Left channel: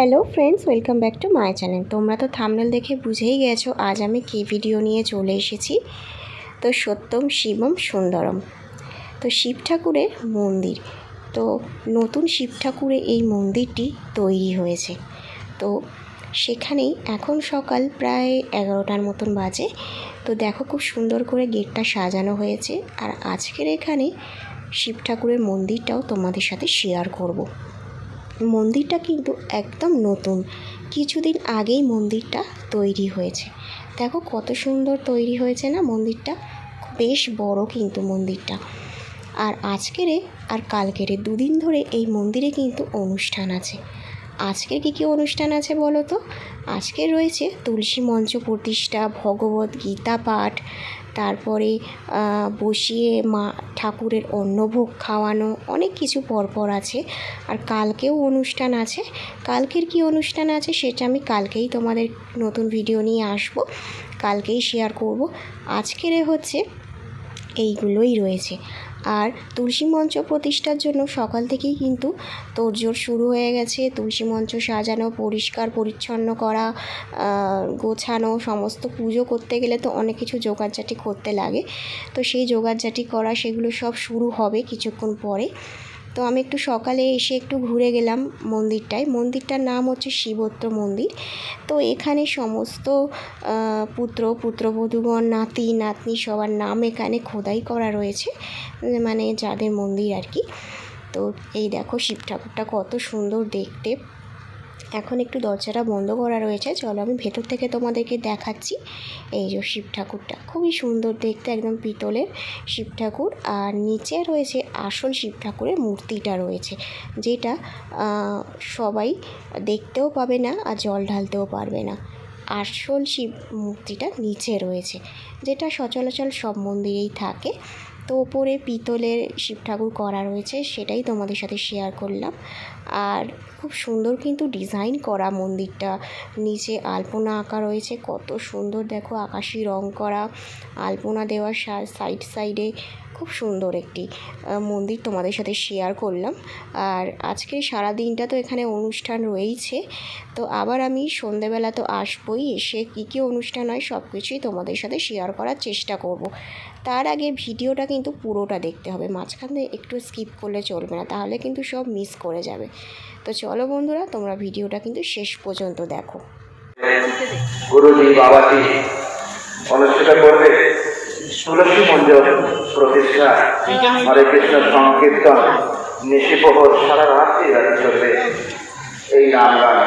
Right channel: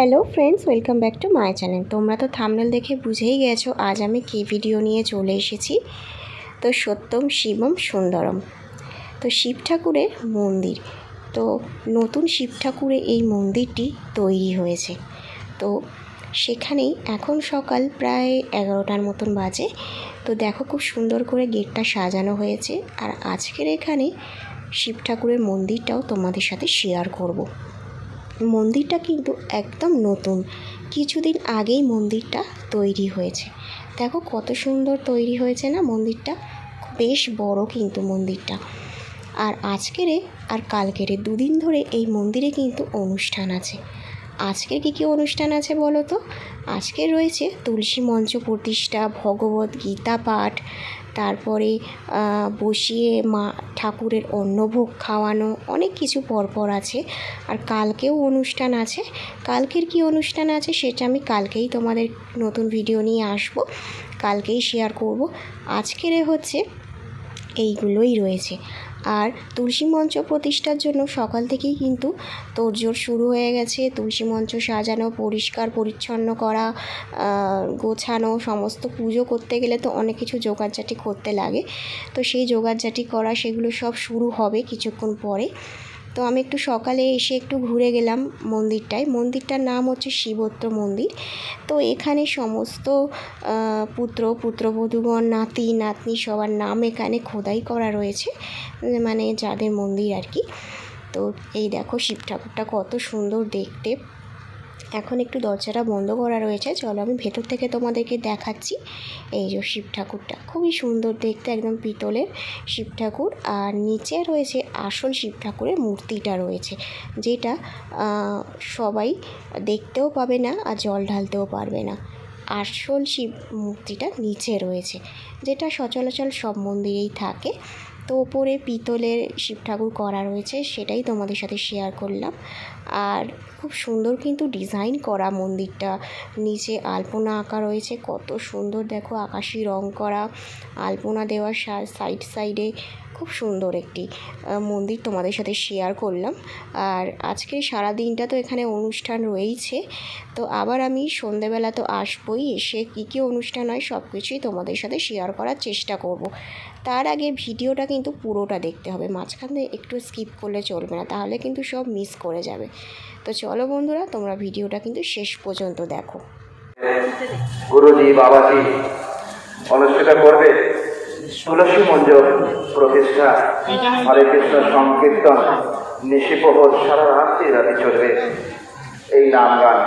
Hello friends, welcome back to my channel. তোমরা তো thumbnail দেখে বুঝেই গেছো, আজ আমি কী ভিডিও নিয়ে চলে এসেছি। তো সত্যম, শিবম, সুন্দরম। তো শিব ঠাকুরের মন্দির। তো নতুন শিব ঠাকুরের এই মন্দিরটি তৈরি হয়েছে। তো সেখানেই এখন সকাল প্রায় এগারোটার মতন বাজে। তো দেখো খুব সুন্দর করে গেটটা সাজানো হয়েছে। আর আজকের এখানে শিব ঠাকুরের মন্দিরটাও তোমাদের সাথে শেয়ার করব। মন্দিরটা কিন্তু একদম নতুন। কিছুদিন আগেই মন্দিরটা তৈরি হয়েছে। দেখো কত সুন্দর তৈরি হয়েছে না মন্দিরটা? বেশ বড় কিন্তু মন্দিরটা। আর আজকেরে আর কালকেরে দুদিন ধরে এই মন্দিরে কিন্তু অনুষ্ঠান আছে। আজকের কী কী অনুষ্ঠান আছে বলো তো? আজকে রয়েছে তুলসী মঞ্চ প্রতিষ্ঠা, ভগবত গীতা পাঠ তারপরে বসিয়ে মা, ঠাকুরের অন্নভোগ খাওয়ানো, অনেক কিছু পরপর আছে। আর কালকেও অনুষ্ঠান আছে। কালকের কি অনুষ্ঠান আছে সেটা আমি কালকেই তোমাদের নতুন ভিডিও নিয়ে আসব। কালকেই শেয়ার করব। আজকের হচ্ছে, এইগুলোই রয়েছে। আর তুলসী মঞ্চ প্রতিষ্ঠার জন্য সকাল থেকেই কিন্তু তোড়জোড় শুরু হয়ে গেছে। তুলসী মঞ্চ সাজানো, পরিষ্কার, পরিচ্ছন্ন করা গোছানো, সমস্ত পুজো করতে গেলে তো অনেক কিছু জোগাড়জাটি করতে লাগে। তো সেই জোগাড়জাটি করা, সেগুলো সব শুরু হবে কিছুক্ষণ পরে। তো আমি একটু সকালে এসে একটু ঘুরে গেলাম মন্দিরটায়। মন্দিরটার নাম হচ্ছে শিবত্র মন্দির। তো এখানে সমস্ত পুত্র, পুত্রবধূগণ, নাতি, নাতনি সবার নাম এখানে খোদাই করা রয়েছে মানে যাদের মন্দির আর কি। তো এই দেখো শিব ঠাকুরটা কত সুন্দর দেখতে। এখন একটু দরজাটা বন্ধ করা রয়েছে। চলো আমি ভেতর থেকে তোমাদেরকে দেখাচ্ছি এই যে শিব ঠাকুরটা। খুবই সুন্দর দেখতে, একদম পিতলের শিব ঠাকুর। আর নিচে রয়েছে আসল শিব ঠাকুরের মূর্তিটা রয়েছে, যেটা সবাই দেখতেও পাবে না আর জল ঢালতেও পারবে না। আসল শিব মূর্তিটা নিচে রয়েছে, যেটা সচরাচর সব মন্দিরেই থাকে। তো ওপরে পিতলের শিব ঠাকুর করা রয়েছে, সেটাই তোমাদের সাথে শেয়ার করলাম। আর খুব সুন্দর কিন্তু ডিজাইন করা মন্দিরটা। নিচে আলপনা আঁকা রয়েছে, কত সুন্দর দেখো, আকাশি রং করা। আলপনা দেওয়া সাইড সাইডে খুব সুন্দর একটি মন্দির তোমাদের সাথে শেয়ার করলাম। আর আজকে সারা দিনটা তো এখানে অনুষ্ঠান রয়েইছে। তো আবার আমি সন্ধেবেলা তো আসবই, এসে কী কী অনুষ্ঠান হয় সব কিছুই তোমাদের সাথে শেয়ার করার চেষ্টা করব। তার আগে ভিডিওটা কিন্তু পুরোটা দেখতে হবে, মাঝখানে একটু স্কিপ করলে চলবে না, তাহলে কিন্তু সব মিস করে যাবে। তো চলো বন্ধুরা, তোমরা ভিডিওটা কিন্তু শেষ পর্যন্ত দেখো। গুরুজি, বাবাজি, অনুষ্ঠিত করবে? তুলসী মঞ্জুর প্রতিষ্ঠা হরে কৃষ্ণ সংকীর্তন নিশিপ্রহর সারা রাত্রি রাত চলবে এই নাম গান।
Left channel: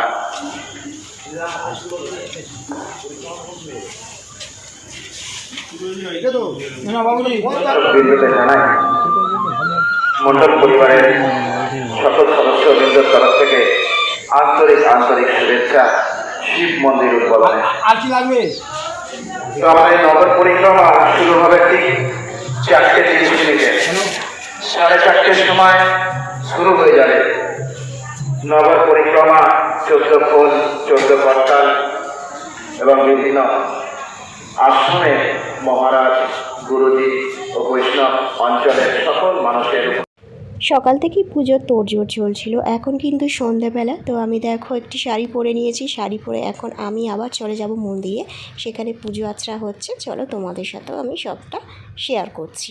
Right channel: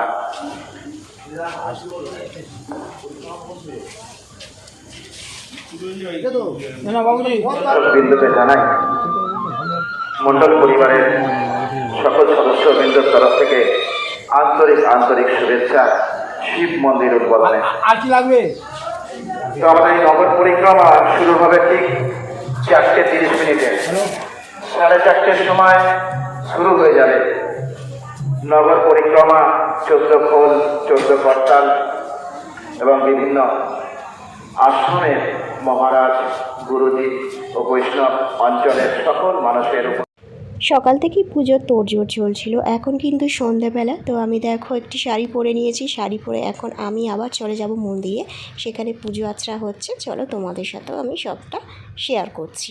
মন্ডল পরিবারের সকল সদস্য বৃন্দর তরফ থেকে আন্তরিক আন্তরিক শুভেচ্ছা, শিব মন্দির উদ্বোধনে। আর কি লাগবে? তো আমাদের নগর পরিক্রমা শুরু হবে ঠিক চারটে তিরিশ মিনিটে। সাড়ে চারটের সময় শুরু হয়ে যাবে। নগর পরিক্রমা, চোদ্দ ফুল চোদ্দ করতাল এবং বিভিন্ন আশ্রমে মহারাজ, গুরুজি ও বৈষ্ণব অঞ্চলের সকল মানুষের সকাল থেকেই পুজোর তোড়জোড় চলছিল, এখন কিন্তু সন্ধ্যাবেলা। তো আমি দেখো একটি শাড়ি পরে নিয়েছি, শাড়ি পরে এখন আমি আবার চলে যাব মন্দিরে, সেখানে পুজো আচরা হচ্ছে। চলো তোমাদের সাথেও আমি সবটা শেয়ার করছি।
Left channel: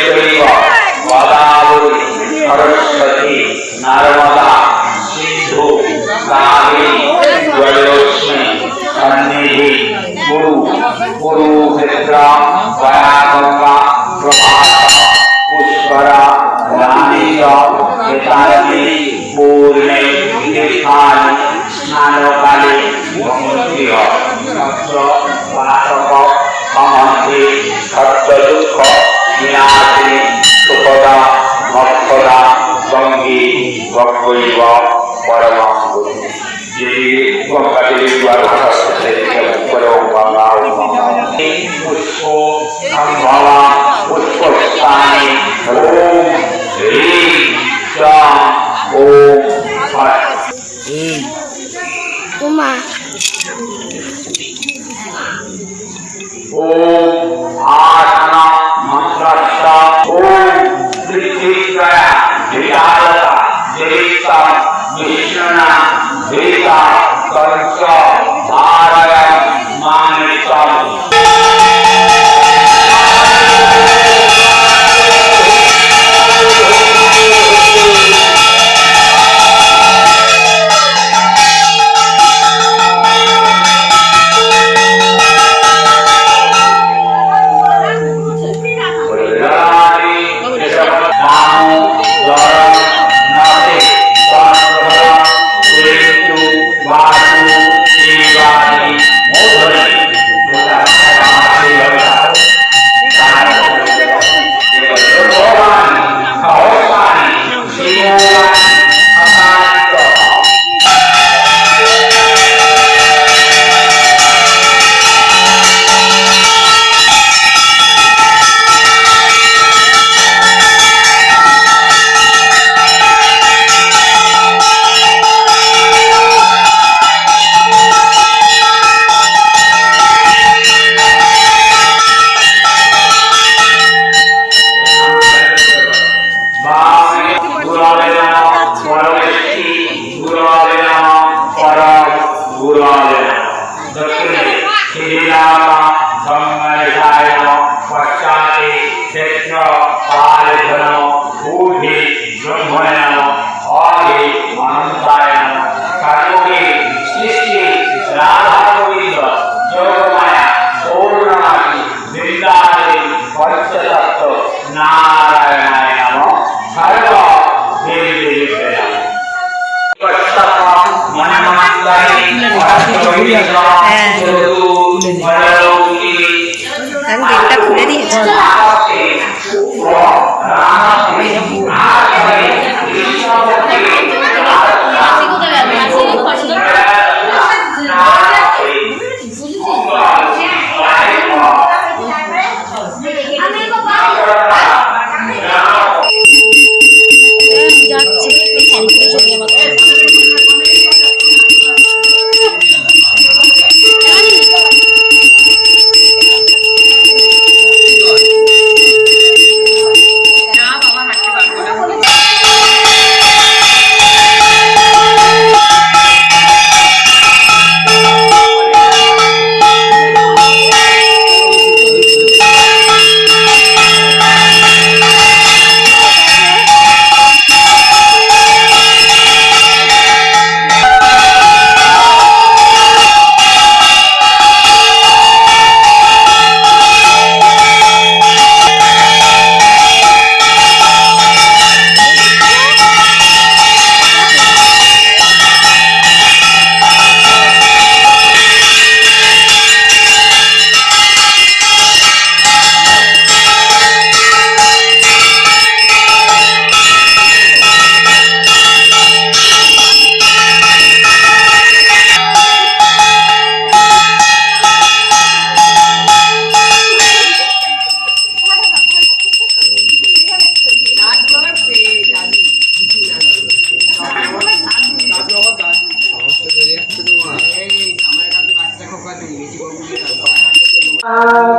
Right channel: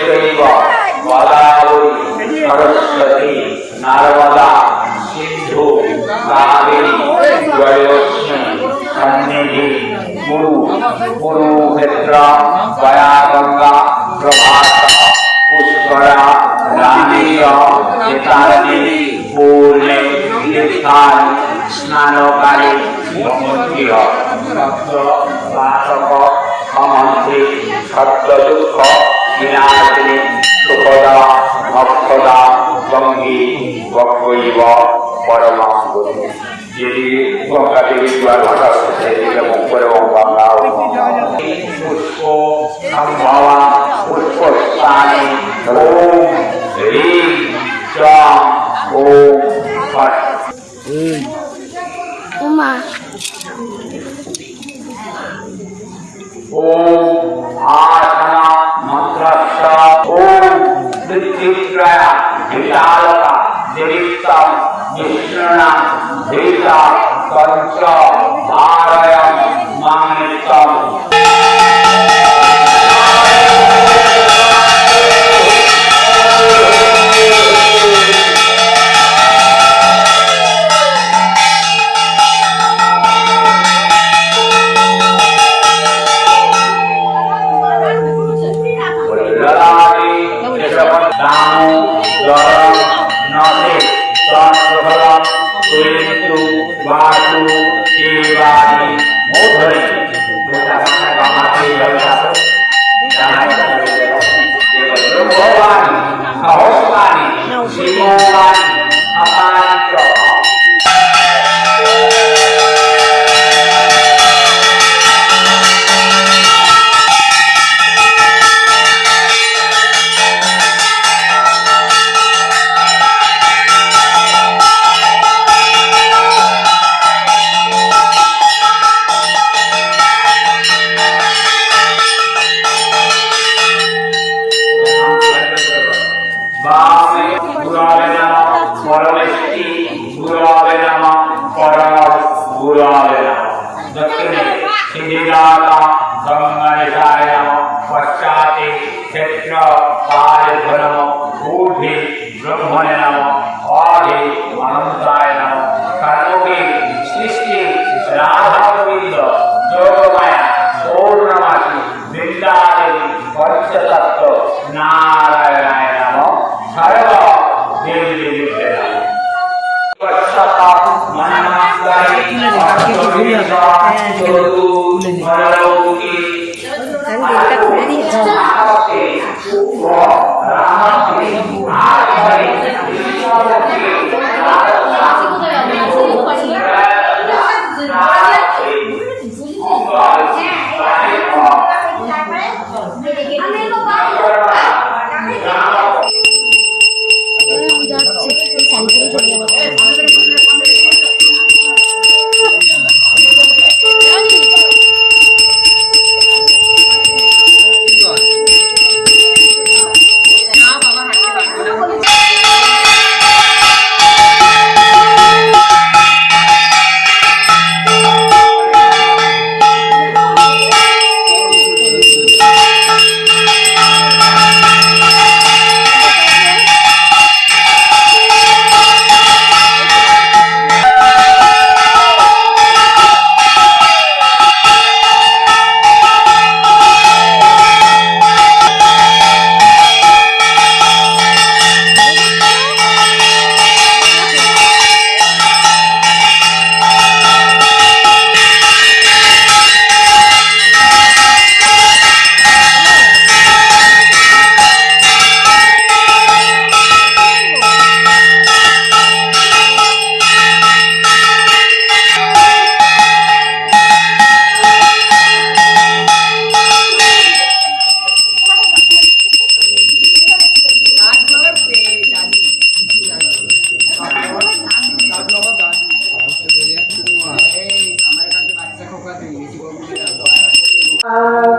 जगदम्बिकेश्वरी गोदावरी सरस्वती नर्मदा सिंधु कावेरी वैलोक्ष्मी सन्निधि गुरु कुरुक्षेत्र गया गंगा प्रभात पुष्करा रानी चेतावनी पूर्णे तीर्थानी स्नानकाली भ्रमणीय सत्र बालक अमंत्री सत्य दुख বিনাশিনী সুখদা ভক্তদা সঙ্গী ভক্তৈব পরমাম গুরু যদি গঙ্গা দেবীর দ্বার ভাষা শুনতে এবং করে গঙ্গা পুষ্প সম্ভবা পুষ্প স্থানে ওম হ্রিম সম ওম উমা ওম আট ओम पृथ्वीत्रय विशालता देवीतम विष्णुना देता कंस গুরবে নম দক্ষিণে শ্রীরাম আমি গেটটা খুলে দিয়েছি।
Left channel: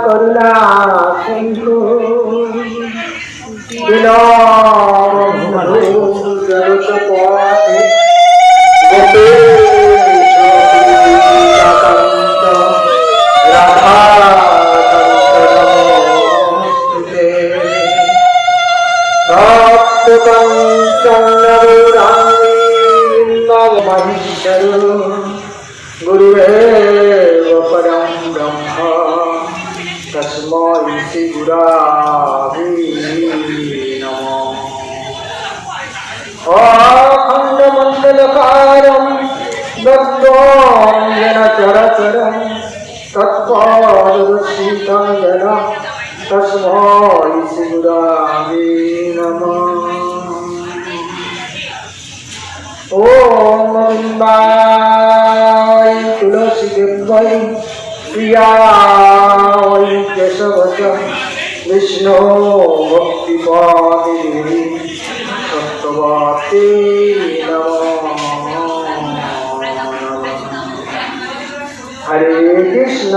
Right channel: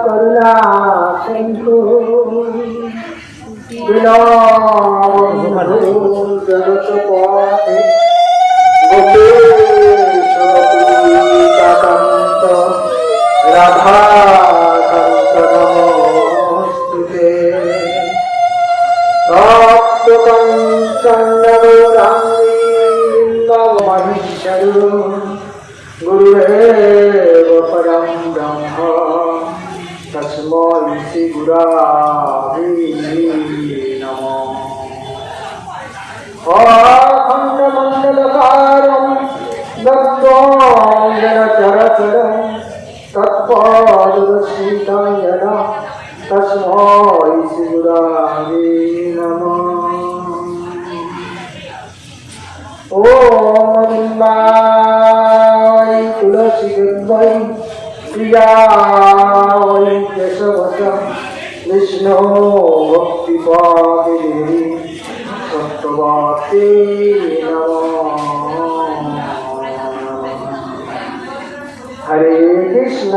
করুণা সিন্ধু खण्डमण्डलकारं दत्त्वाङ्गेन चरचरं तत्त्वादुरशीतं येन तस्मै शिवराजे नमः ॐ अरुन्दाय तुलसीदेवै प्रियाय केशवच विष्णो भक्तिपादिभिः ভগবতী হরে কৃষ্ণ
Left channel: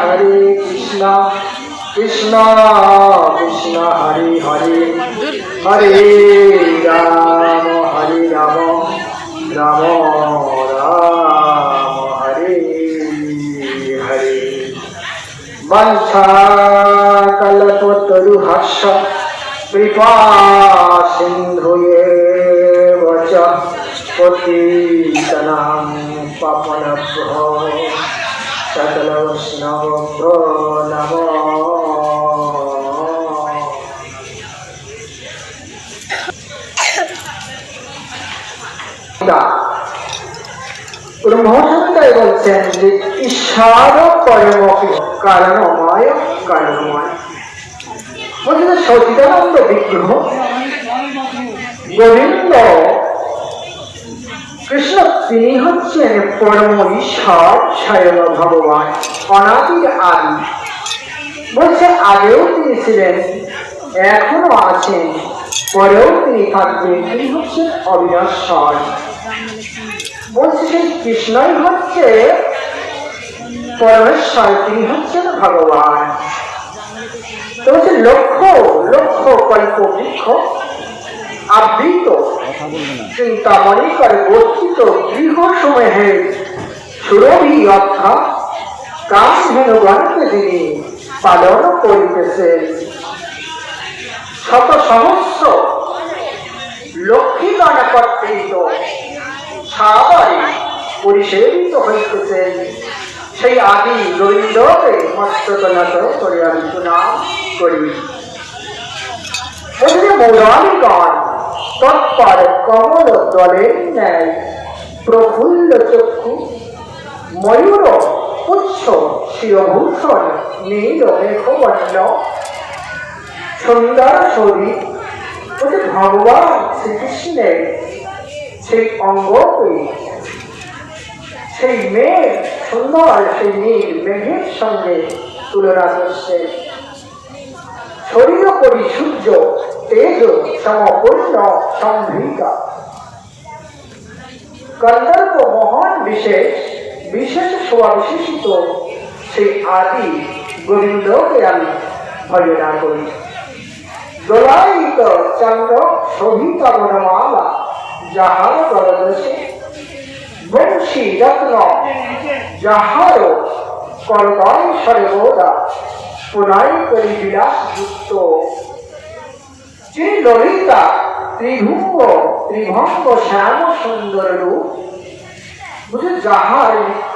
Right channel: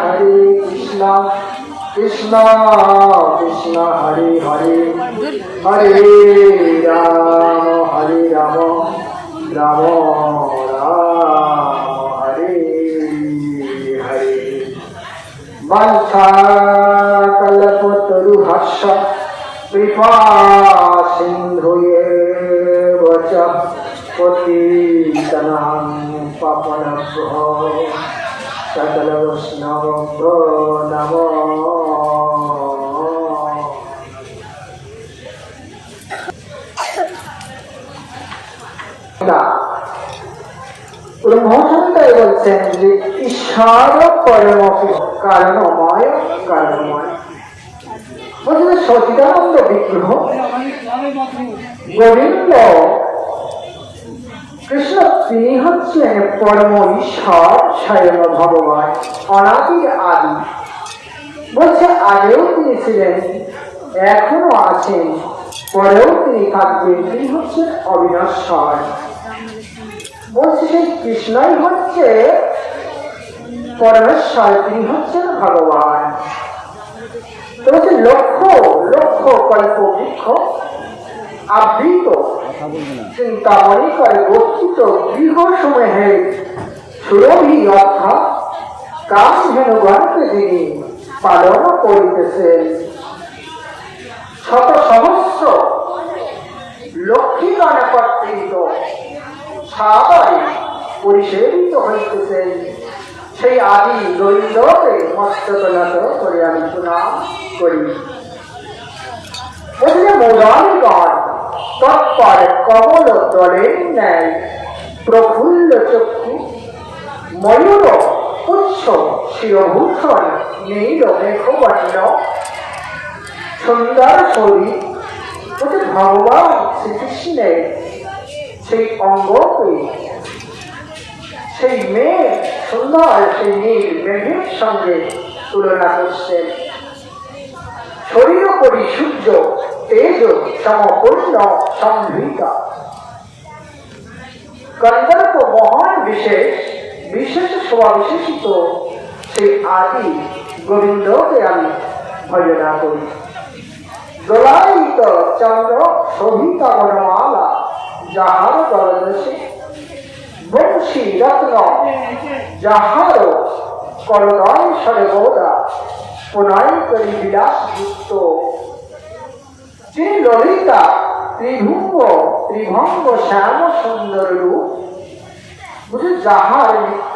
হরে কৃষ্ণ কৃষ্ণ কৃষ্ণ হরে হরে হরে রাম হরে রাম রাম রাম হরে হরে বংশা কল্পতরু হর্ষ কৃপা सिन्धुये च पतितनां पापनभ्यो सकलवैष्णवभ्यो नमो ব্রহ্মসন্তায় বলছেন যে ঈশ্বর পরমপি কারণময় কারণময় বলছে যে সচিদানন্দ বিগ্রহ গোবিন্দ কৃষ্ণ তিনি হচ্ছেন পরম ঈশ্বর স্বয়ং ভগবান অনাদির আদি বলছে আগেও তিনি ছিলেন এখনও আছেন পরেও তিনি থাকবেন তিনি হচ্ছেন অবিনশ্বর বলছে সেই কৃষ্ণই হচ্ছে পরমেশ্বর তিনি হচ্ছেন ভগবান তো বলছে লক্ষ্য লক্ষ কল্প বৃক্ষ আবৃত। চিন্তামণি করে গঠিত গৃহ সমূহে সুরভি অর্থাৎ কামধেনুগণকে তিনি পালন করিতেছেন শত সহস্র লক্ষ্মীগণ কর্তৃত সাদরে পরিসেবিত হইতেছেন সেই আদি গোবিন্দকে মস্তকনত করে আমি প্রণাম করি। বলছে মৌরানীগণ তৎপর কমল দলের ন্যায়, প্রফুল্ল চক্ষু, ময়ূর পুচ্ছ শিরভূষণ, নীল মেঘবর্ণ, সুন্দর শরীর বলছে ভগবান শ্রীকৃষ্ণের সেই অঙ্গকে, সেই মেঘ সুন্দর, সেই নীল মেঘের সঙ্গে তুলনা করছেন। শরীর সূর্য তেজ সমপূর্ণ সম্ভৃতা গন্ধর্ব মহান বিশেষ বিশেষ সভা বিশেষিত সেই আদি গোবিন্দকে আমি ভজনা করি দোলায়িত চন্দ্র শোভিত বনমালা যাহার গরদশে বংশী রত্ন যাহার করদয় সর্বদা পুনয় করি বিলাস যুক্ত যিনি ললিতা ত্রিভুঙ্গ ত্রিভঙ্গ শ্যাম সুন্দর রূপ। বুঝে যাহার নিত্য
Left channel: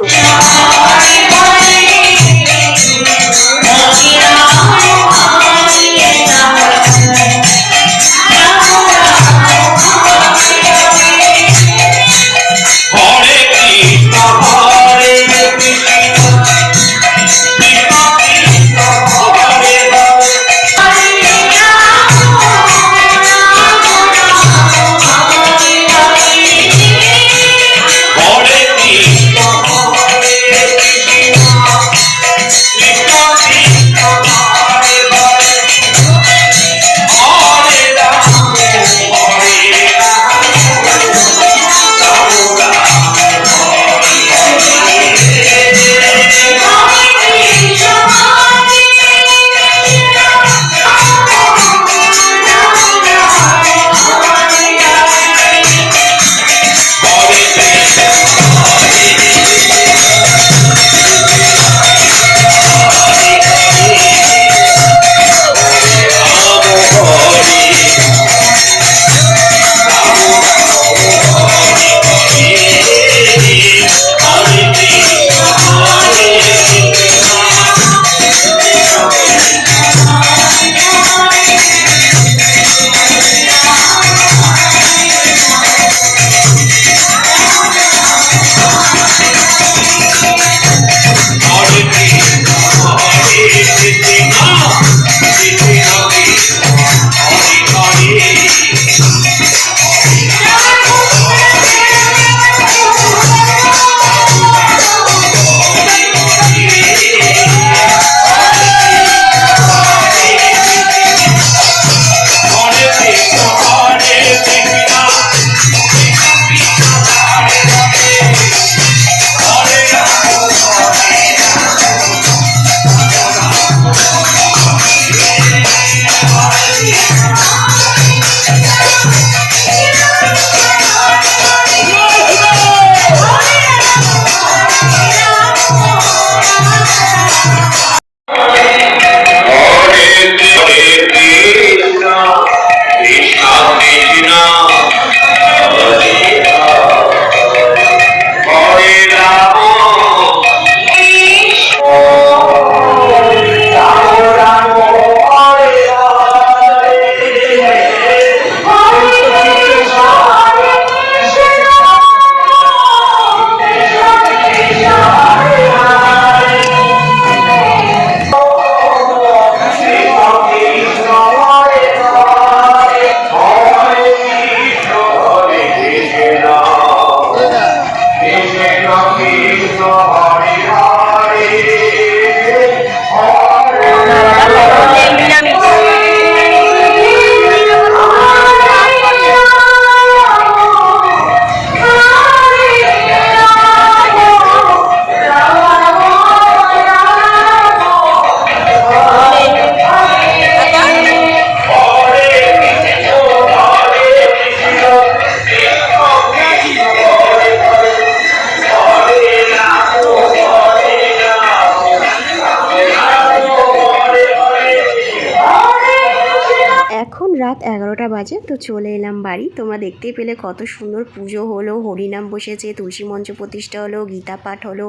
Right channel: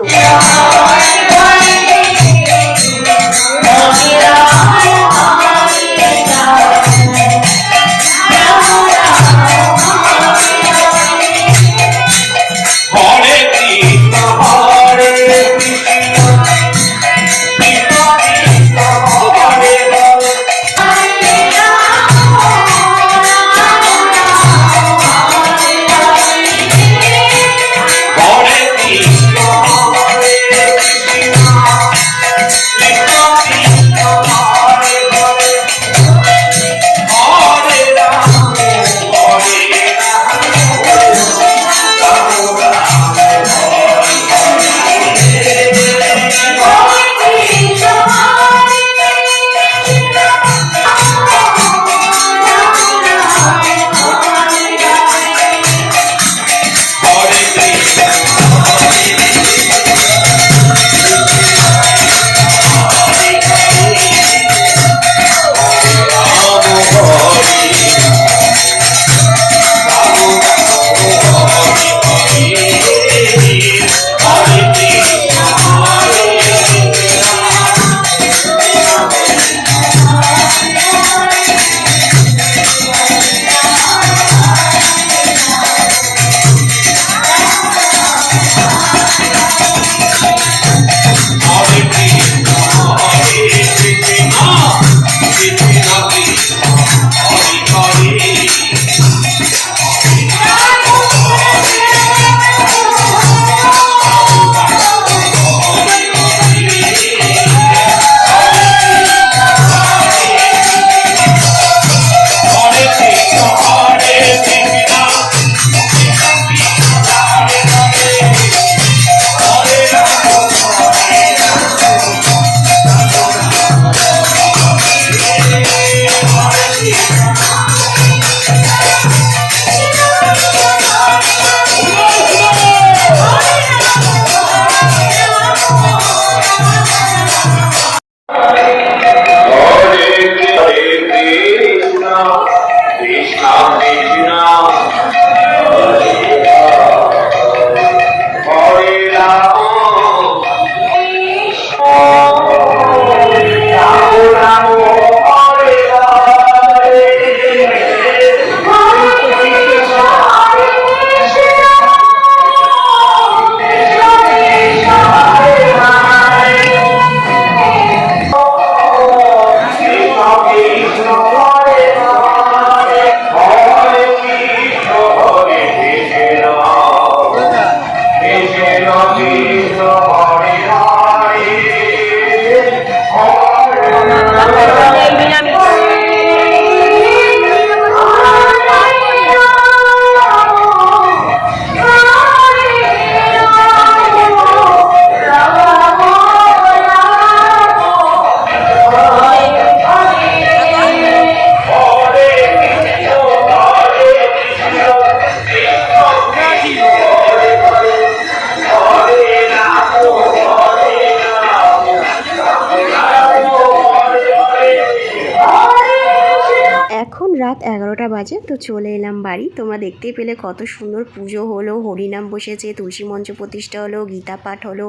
রাত এগারোটা বাজে, তো চলে এলাম বাড়ি। তোমরা দেখতে পেলে কত সুন্দর পুজো হলো, হরিনাম বসেছে, তুলসী মঞ্চ প্রতিষ্ঠা হলো, গীতা পাঠ হলো,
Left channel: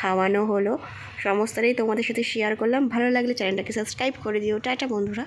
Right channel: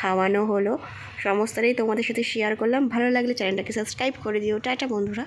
খাওয়ানো হলো। সমস্তটাই তোমাদের সাথে শেয়ার করলাম। ভালো লাগলে চ্যানেলটাকে সাবস্ক্রাইব করে দিও। টাটা বন্ধুরা।